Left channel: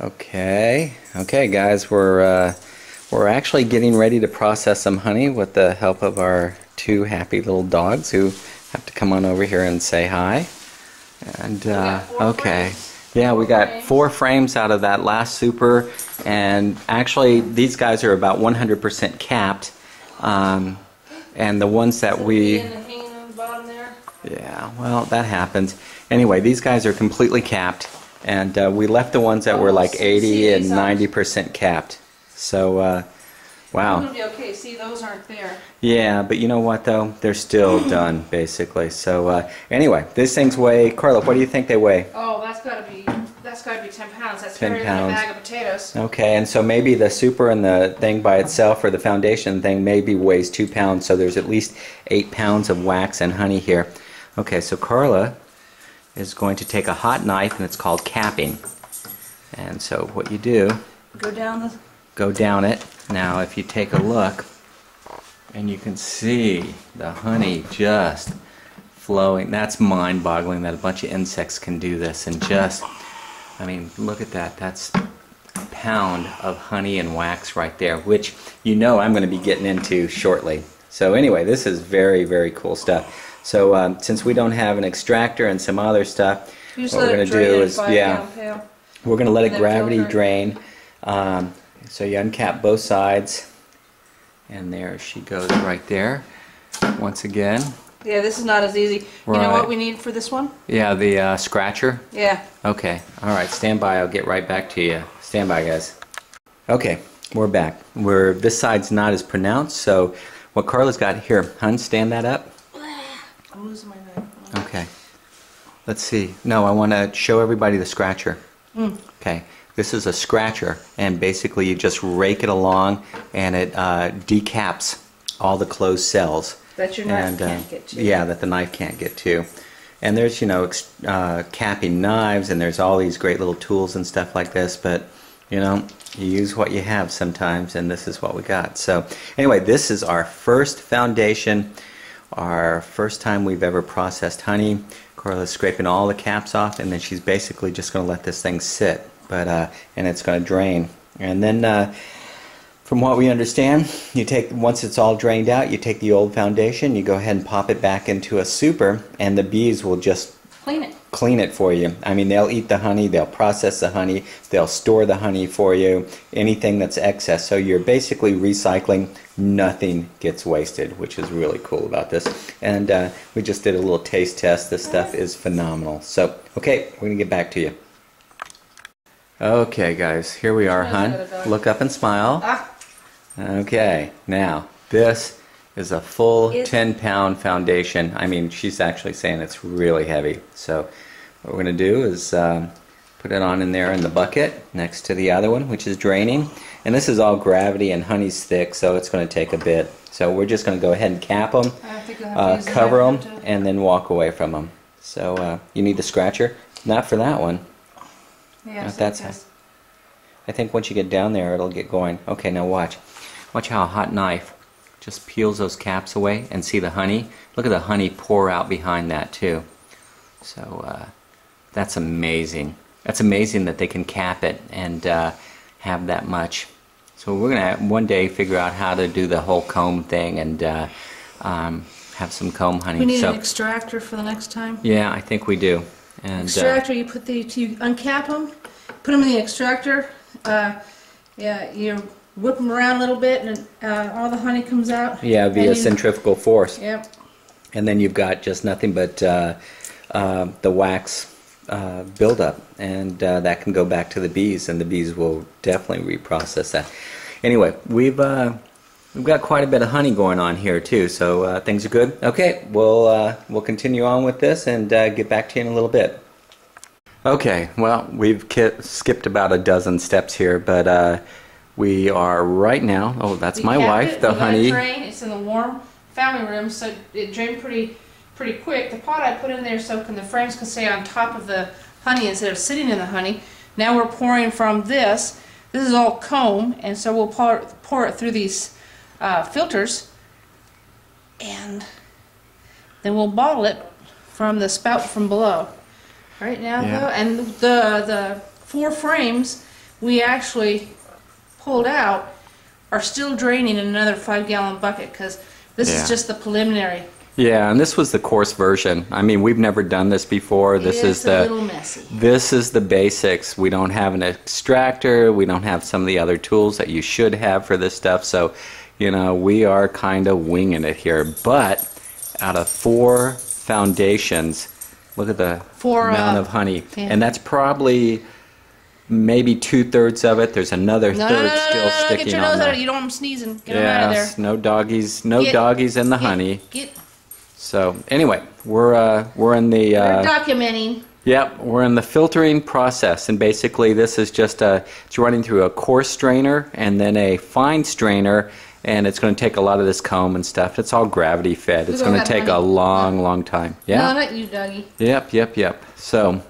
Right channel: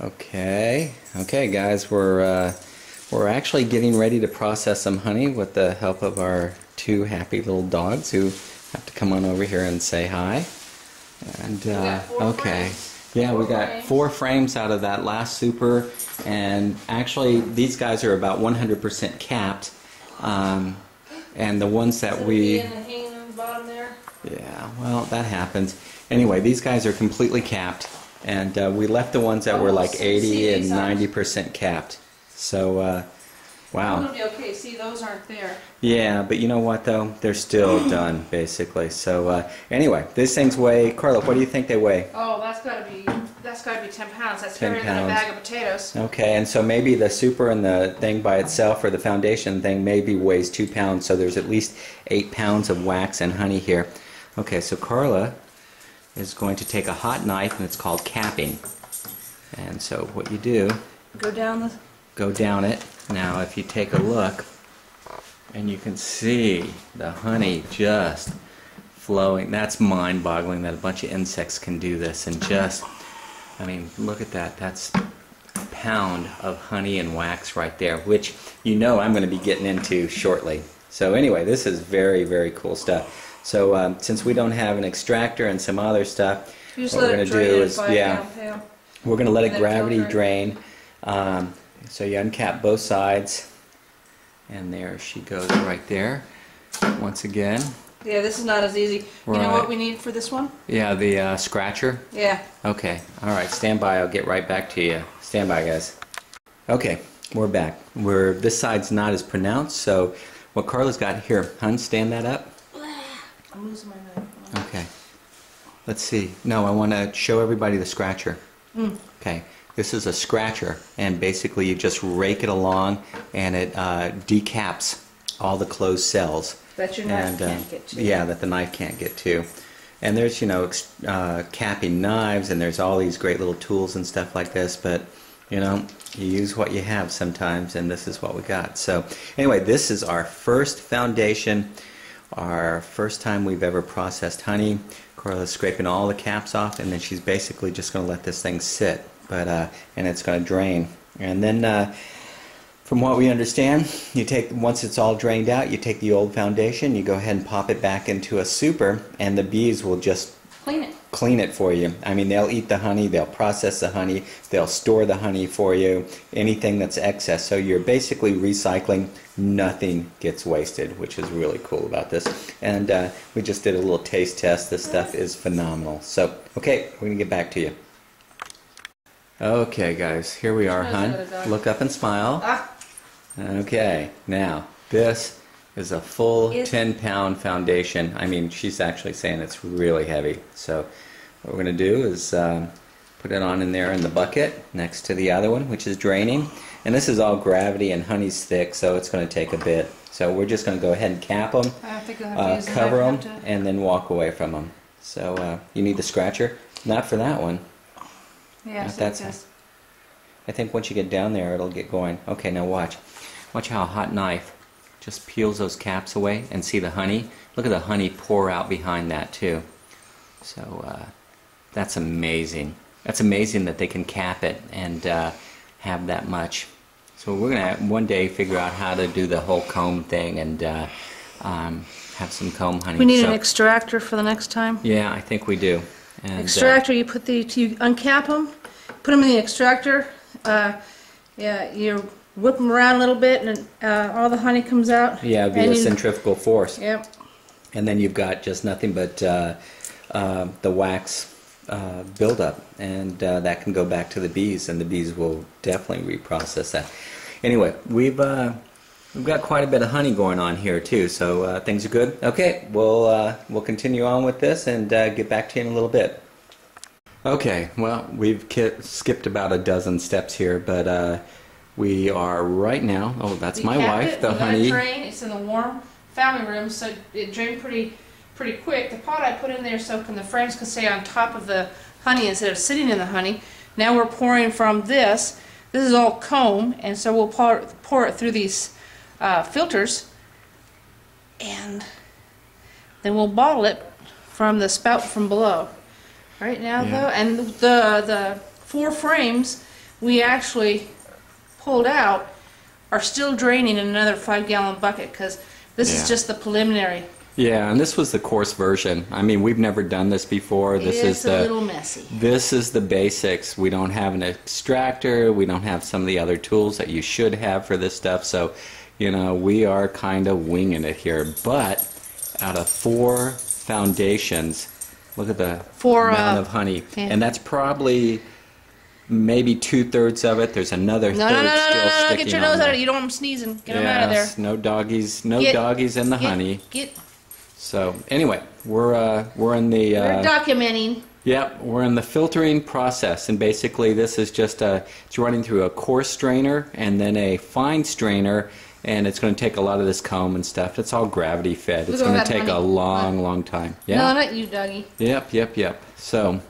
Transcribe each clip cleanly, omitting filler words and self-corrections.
Okay, guys, we're actually getting ready to process some honey with the help of our two happy little dogs who have to come on over here and say hi. And okay, yeah, we got 4 frames out of that last super, and actually these guys are about 100% capped. And the ones that yeah, well, that happens. Anyway, these guys are completely capped. And we left the ones that were like 80 and 90% capped. So, wow. It's going to be okay. See, those aren't there. Yeah, but you know what, though? They're still done, basically. So, anyway, these things weigh... Carla, what do you think they weigh? Oh, that's got to be 10 pounds. That's 10 bigger than a bag of potatoes. Okay, and so maybe the super and the thing by itself, or the foundation thing, maybe weighs 2 pounds. So there's at least 8 pounds of wax and honey here. Okay, so Carla is going to take a hot knife, and it's called capping. And so what you do, go down it. Now if you take a look, and you can see the honey just flowing. That's mind-boggling that a bunch of insects can do this, and just, I mean, look at that. That's a pound of honey and wax right there, which you know I'm going to be getting into shortly. So anyway, this is very, very cool stuff. So since we don't have an extractor and some other stuff, what we're going to do is, we're going to let it gravity drain. So you uncap both sides, and there she goes right there. Once again. Yeah, this is not as easy. You know what we need for this one? Yeah, the scratcher? Yeah. Okay. All right, stand by. I'll get right back to you. Stand by, guys. Okay, we're back. This side's not as pronounced, so what Carla's got here, hun, stand that up. I'm losing my knife. Okay. Let's see. No, I want to show everybody the scratcher. Okay. This is a scratcher, and basically you just rake it along, and it decaps all the closed cells. That your knife can't get to. Yeah, that the knife can't get to. And there's, you know, capping knives, and there's all these great little tools and stuff like this, but, you know, you use what you have sometimes, and this is what we got. So, anyway, this is our first foundation. Our first time we've ever processed honey. Carla's scraping all the caps off, and then she's basically just going to let this thing sit, and it's going to drain. And then, from what we understand, once it's all drained out, you take the old foundation, you go ahead and pop it back into a super, and the bees will just clean it for you. I mean, they'll eat the honey, they'll process the honey, they'll store the honey for you, anything that's excess. So you're basically recycling, nothing gets wasted, which is really cool about this. And we just did a little taste test. This stuff is phenomenal. So, okay, we're going to get back to you. Okay, guys, here we are, hun. Look up and smile. Okay, now, this is a full 10-pound foundation. I mean, she's actually saying it's really heavy. So what we're going to do is put it on in there in the bucket next to the other one, which is draining. And this is all gravity, and honey's thick, so it's going to take a bit. So we're just going to go ahead and cap them, cover them, and then walk away from them. So you need the scratcher. Not for that one. Yeah, not that side. I think once you get down there, it'll get going. Okay, now watch. Watch how a hot knife just peels those caps away, and see the honey. Look at the honey pour out behind that too. So that's amazing. That's amazing that they can cap it and have that much. So we're gonna one day figure out how to do the whole comb thing and have some comb honey. We need an extractor for the next time. Yeah, I think we do. And, extractor, you uncap them, put them in the extractor. Yeah, you whip them around a little bit, and all the honey comes out. Yeah, via centrifugal force. Yep. And then you've got just nothing but the wax buildup, and that can go back to the bees, and the bees will definitely reprocess that. Anyway, we've got quite a bit of honey going on here too, so things are good. Okay, we'll continue on with this and get back to you in a little bit. Okay, well, we've skipped about a dozen steps here, but we are right now. Oh, that's my wife. The honey. It's in the warm family room, so it drained pretty quick. The pot I put in there so the frames can stay on top of the honey instead of sitting in the honey. Now we're pouring from this. This is all comb, and so we'll pour it through these filters, and then we'll bottle it from the spout from below. Right now, though, and the 4 frames we actually pulled out are still draining in another 5-gallon bucket, because this is just the preliminary. Yeah, and this was the coarse version. I mean, we've never done this before. It's a little messy. This is the basics. We don't have an extractor. We don't have some of the other tools that you should have for this stuff. So, you know, we are kind of winging it here. But out of 4 foundations, look at the amount of honey. Yeah. And that's probably maybe 2/3 of it. There's another third still sticking get your on nose out there. of it. You don't want them sneezing. Get them out of there. No doggies. No doggies in the honey. So anyway, we're in the we're documenting. Yep, we're in the filtering process, and basically this is just it's running through a coarse strainer and then a fine strainer, and it's going to take a lot of this comb and stuff. It's all gravity fed. It's going to take a long time. Yeah. No, not you, Dougie. Yep. So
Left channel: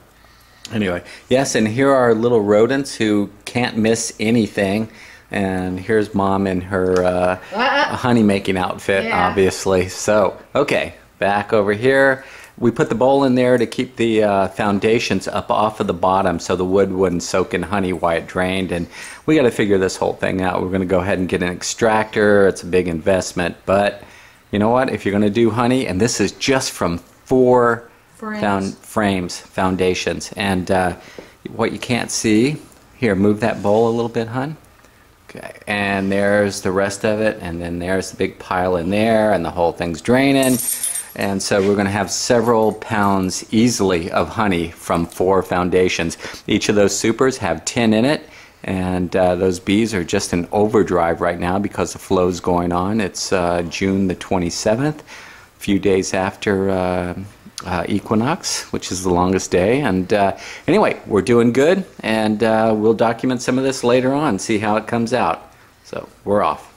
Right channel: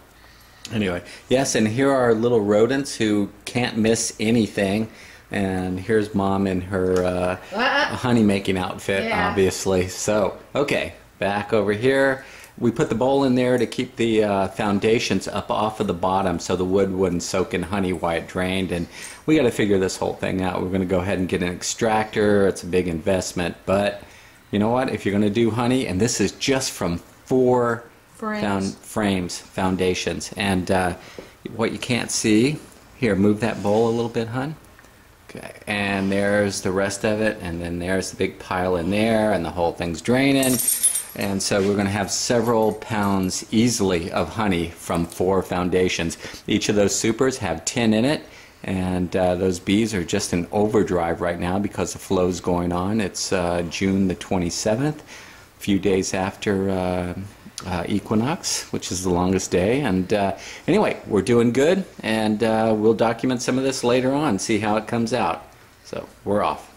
anyway, yes, and here are little rodents who can't miss anything. And here's Mom in her honey making outfit, obviously. So, okay, back over here. We put the bowl in there to keep the foundations up off of the bottom so the wood wouldn't soak in honey while it drained. And we got to figure this whole thing out. We're going to go ahead and get an extractor. It's a big investment. But you know what? If you're going to do honey, and this is just from 4 foundations. And what you can't see, here, move that bowl a little bit, hon. Okay, and there's the rest of it, and then there's the big pile in there, and the whole thing's draining. And so we're going to have several pounds easily of honey from 4 foundations. Each of those supers have 10 in it, and those bees are just in overdrive right now because the flow's going on. It's June the 27th, a few days after equinox, which is the longest day. And anyway, we're doing good, and we'll document some of this later on, see how it comes out. So we're off.